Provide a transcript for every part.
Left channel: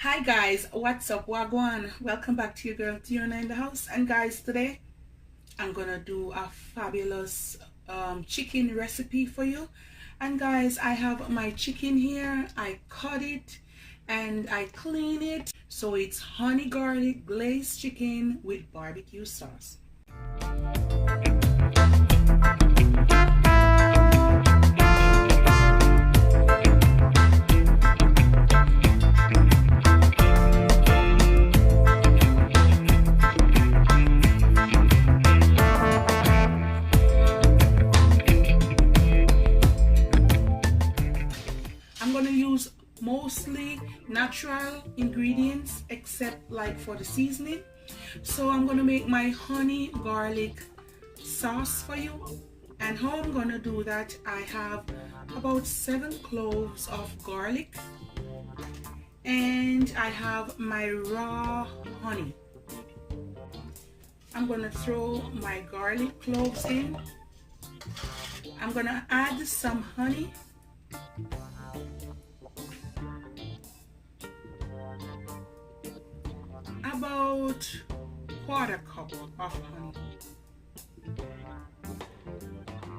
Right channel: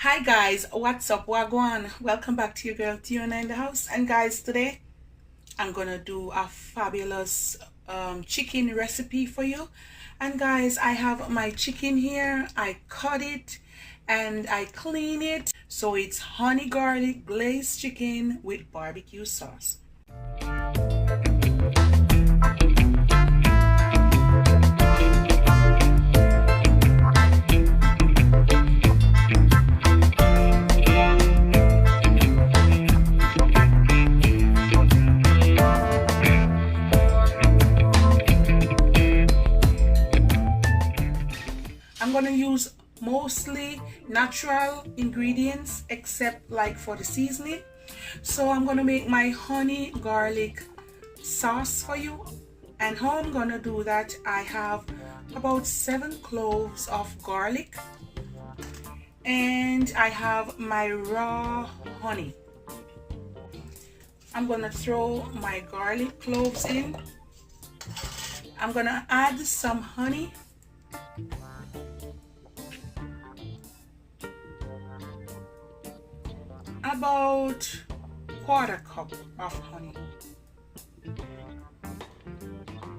Hi guys, what's up? Wagwan? Welcome back to your girl Tiona in the house. And guys, today I'm gonna do a fabulous chicken recipe for you. And guys, I have my chicken here. I cut it and I clean it, so it's honey garlic glazed chicken with barbecue sauce. I'm gonna use mostly natural ingredients except like for the seasoning. So I'm gonna make my honey garlic sauce for you. And how I'm gonna do that, I have about 7 cloves of garlic and I have my raw honey. I'm gonna throw my garlic cloves in. I'm gonna add some honey. About 1/4 cup of honey.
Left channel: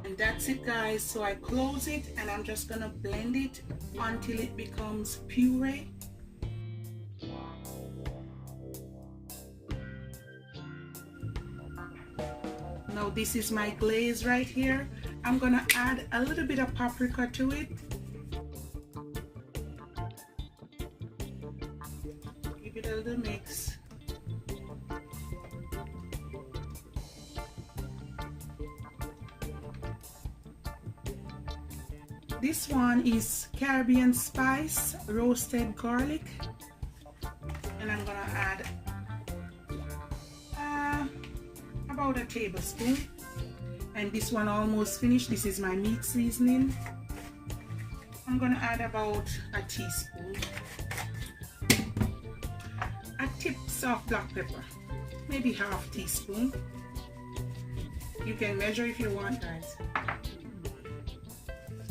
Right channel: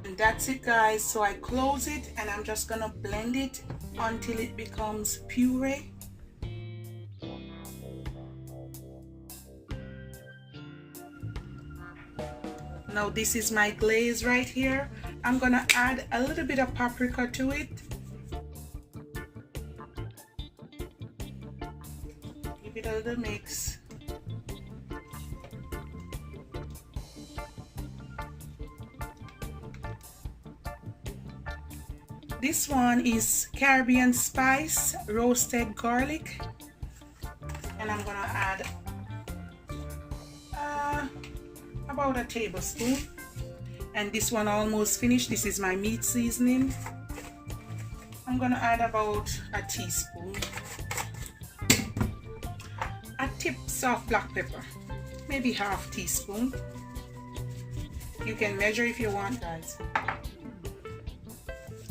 And that's it guys. So I close it and I'm just gonna blend it until it becomes puree. Now this is my glaze right here. I'm gonna add a little bit of paprika to it. Give it a little mix. This one is Caribbean spice roasted garlic, and I'm gonna add about a tablespoon. And this one almost finished. This is my meat seasoning. I'm gonna add about a teaspoon. A tips of black pepper, maybe half teaspoon. You can measure if you want that.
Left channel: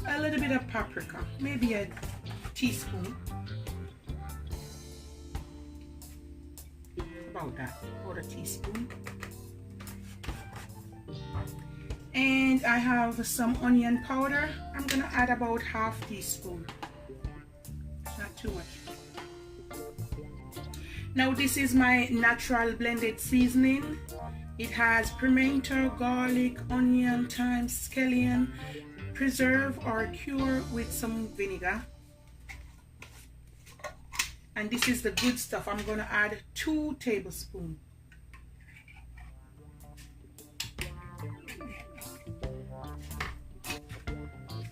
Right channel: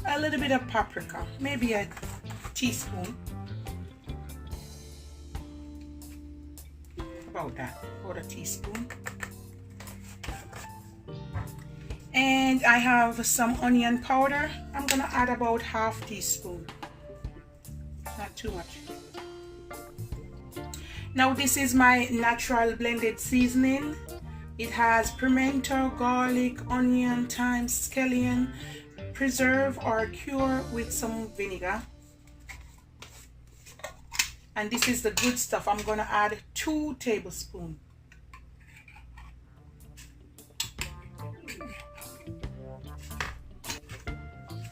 A little bit of paprika, maybe a teaspoon. About that, about a teaspoon. And I have some onion powder. I'm gonna add about half teaspoon, not too much. Now this is my natural blended seasoning. It has pimento, garlic, onion, thyme, scallion, preserve or cure with some vinegar. And this is the good stuff. I'm gonna add 2 tablespoons.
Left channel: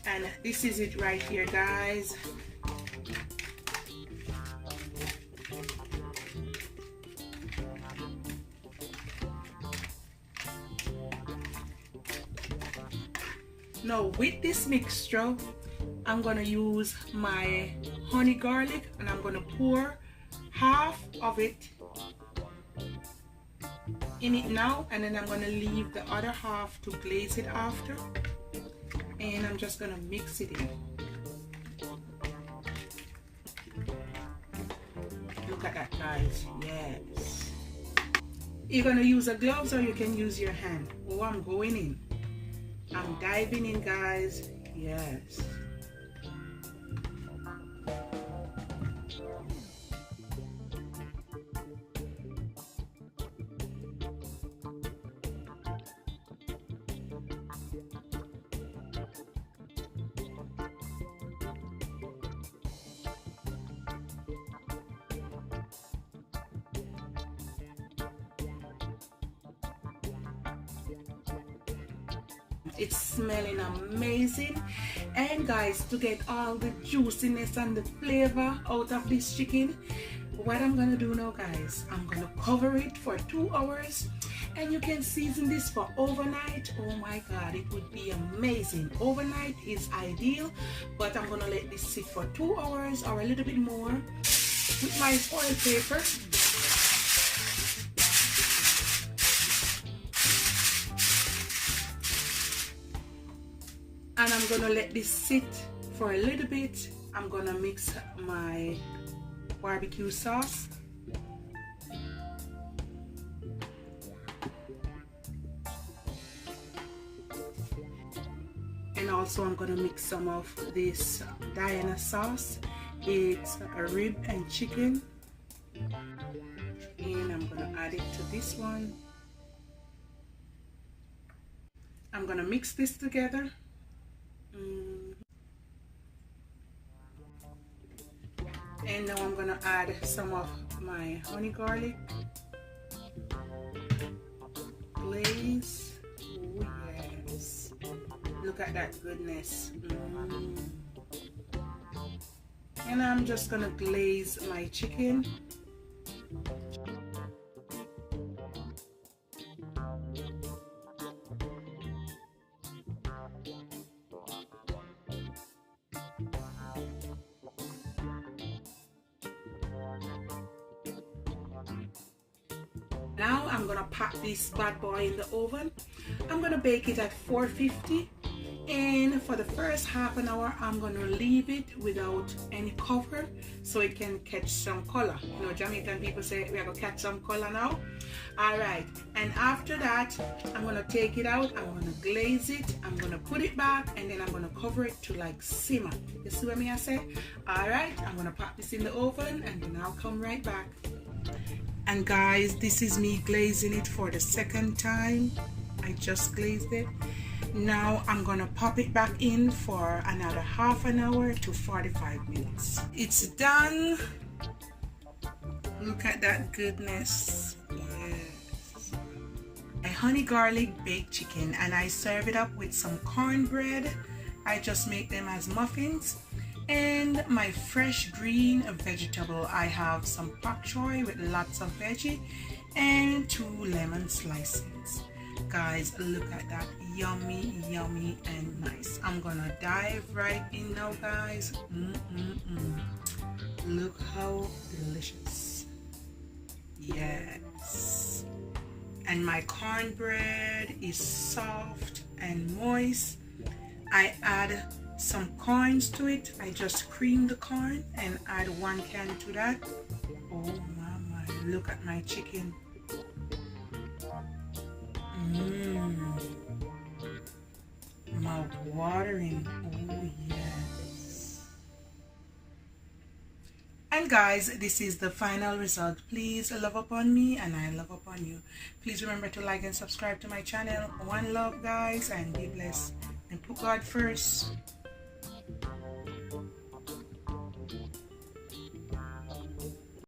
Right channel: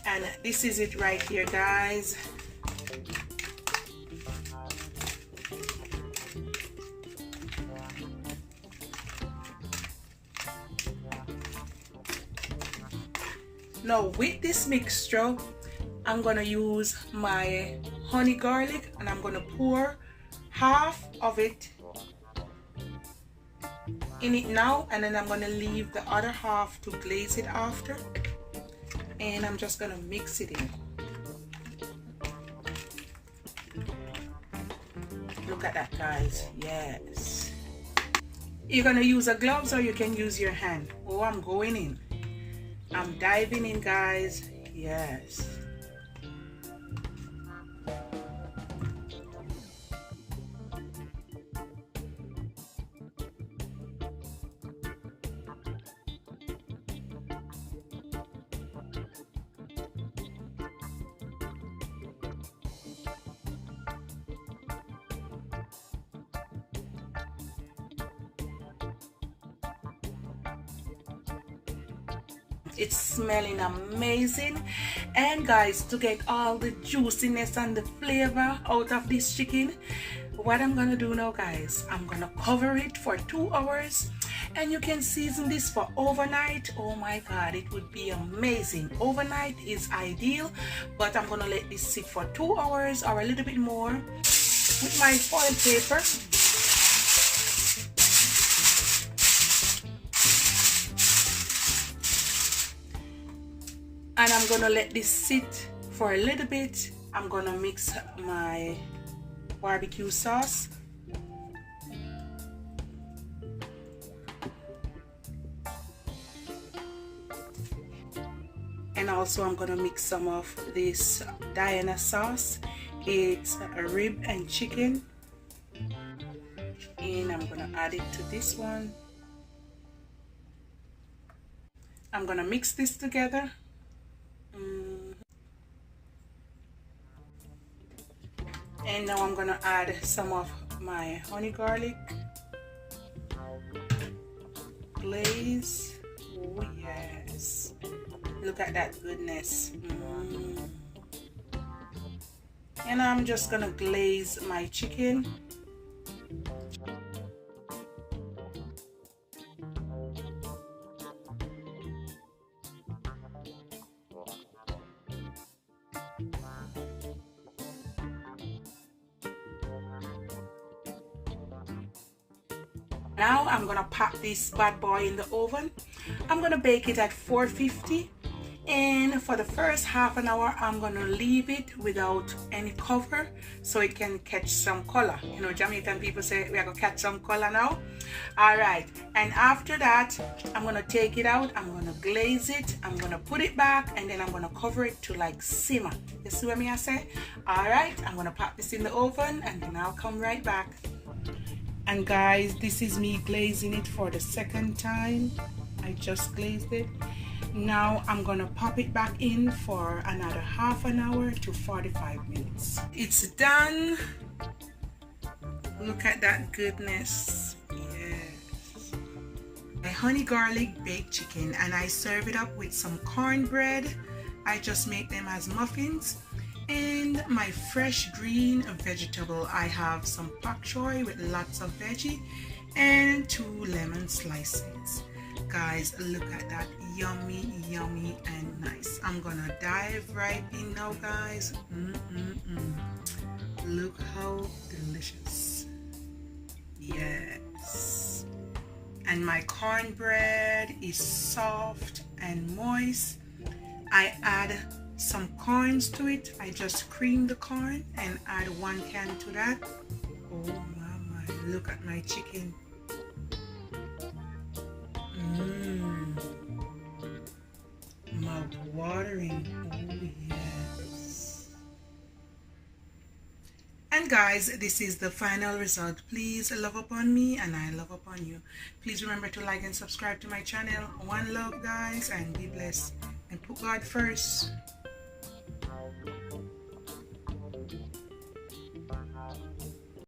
And this is it right here guys. Now with this mixture, I'm gonna use my honey garlic and I'm gonna pour half of it in it now, and then I'm gonna leave the other half to glaze it after. And I'm just gonna mix it in. Look at that guys, yes. You're gonna use a gloves or you can use your hand. Oh, I'm going in. I'm diving in guys, yes. It's smelling amazing. And guys, to get all the juiciness and the flavor out of this chicken, what I'm gonna do now guys, I'm gonna cover it for 2 hours, and you can season this for overnight. Oh my god, it would be amazing. Overnight is ideal, but I'm gonna let this sit for 2 hours or a little bit more with my foil paper. And I'm gonna let this sit for a little bit. I'm gonna mix my barbecue sauce. And also I'm gonna mix some of this Diana sauce. It's a rib and chicken, and I'm gonna add it to this one. I'm gonna mix this together. And now I'm gonna add some of my honey garlic glaze. Oh yes, look at that goodness. And I'm just gonna glaze my chicken. Now I'm gonna pop this bad boy in the oven. I'm gonna bake it at 450, and for the first half an hour I'm gonna leave it without any cover so it can catch some color. You know, Jamaican people say we are gonna catch some color now. All right, and after that I'm gonna take it out, I'm gonna glaze it, I'm gonna put it back, and then I'm gonna cover it to like simmer. You see what I say? All right, I'm gonna pop this in the oven and then I'll come right back. And guys, this is me glazing it for the second time. I just glazed it. Now I'm gonna pop it back in for another half an hour to 45 minutes. It's done. Look at that goodness. Yes. A honey garlic baked chicken, and I serve it up with some cornbread. I just make them as muffins. And my fresh green vegetable, I have some pak choy with lots of veggie and 2 lemon slices. Guys, look at that, yummy, yummy and nice. I'm gonna dive right in now, guys. Look how delicious. Yes. And my cornbread is soft and moist. I add some corns to it. I just cream the corn and add 1 can to that. Oh my, look at my chicken. Mouth watering. Oh yes. And guys, this is the final result. Please love upon me and I love upon you. Please remember to like and subscribe to my channel. One love, guys, and be blessed, and put God first.